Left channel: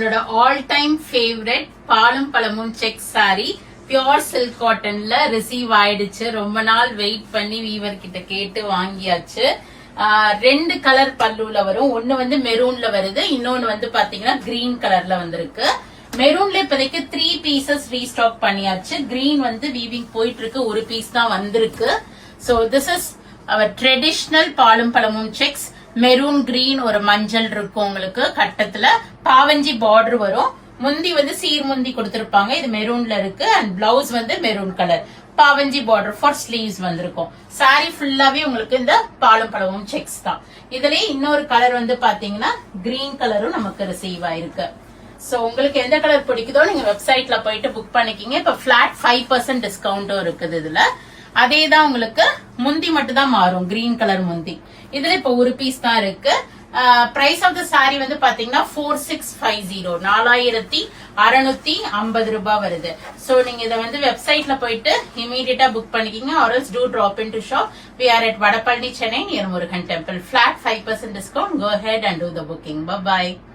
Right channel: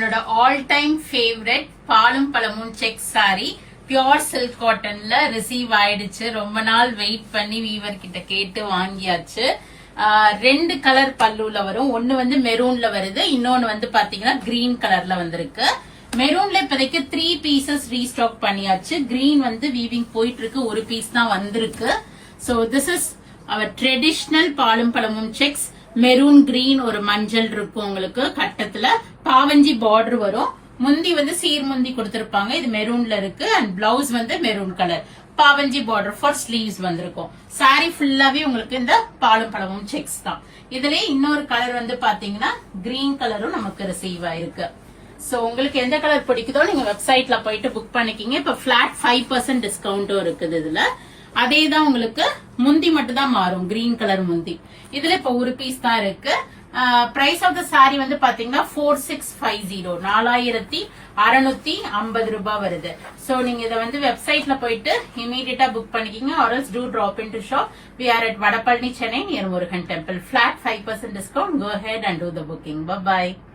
என்னோட all time favourite பாலும் பழமும் செக் சாரி பியோர் சில்க் காட்டன்ல ரிசீவ் ஆயிடுச்சு. ரொம்ப நாள் வெயிட் பண்ணி வீவர் கிட்ட கேட்டு வாங்கியாச்சு. ரெண்டு கலர் பல்லுல வரும். ஒன்னு வந்து மெரூன்ல வருது, இன்னொன்னு வந்து பாத்தீங்கன்னா கிரீன் கலர்ல வந்திருக்கு. மெரூன்ல இப்போதைக்கு 3 பீசஸ் ரீஸ்டாக் பண்ணியாச்சு. கிரீன் வந்து வீவிங் போயிட்டு இருக்கு, ஒரு பீஸ் தான் வந்திருக்கு. So this is our traditional பாலும் பழமும் செக்ஸ். மெரூன் கிரீன் ஒரு மஞ்சள் இருக்கும் உங்களுக்கு. கட்டத்துல பாவஞ்சி பார்டர் வரும். முந்தி வந்து சீர் முந்தி கொடுத்திருப்பாங்க, இது மெரூன்ல இருக்கு. அண்ட் பிளவுஸ் வந்து மெரூன் கலர், பாவஞ்சி பார்டர் ஃபார் ஸ்லீவ்ஸ் வந்திருக்கும். சாரி ஃபுல்லாவே உங்களுக்கு இந்த பாலும் பழமும் செக்ஸ் தான். இதுலயே இன்னொரு கலர் வந்து பாத்தீங்கன்னா கிரீன் கலரும் நமக்கு ரிசீவ் ஆயிருக்கு. சோ உங்களுக்கு எந்த கலர் பிடிக்குதோ நீங்க வெப்சைட்ல போயிட்டு புக் பண்ணிக்கிங்க. இப்ப பிளாட் 5% டிஸ்கவுண்டும் இருக்குது இதுல. அதே தான் உங்களுக்கு முந்தி மட்டும் தான் மாறும், கிரீன் கலர் முந்தி. இதுல இப்ப ஒரு பீஸ் தான் இருக்கு. பிரைஸ் ஆஃப் த சாரி வந்து பாத்தீங்கன்னா 4650, 4650 ரூபாய் வருது. சோ நீங்க இதை வந்து வெப்சைட்ல போயிட்டு இமீடியட்டா புக் பண்ணிக்கிங்க. or else do drop into shop. We are at Vadapalani, Chennai near Murugan Temple. Flat 5% discount. Go ahead and do the booking. Bye bye.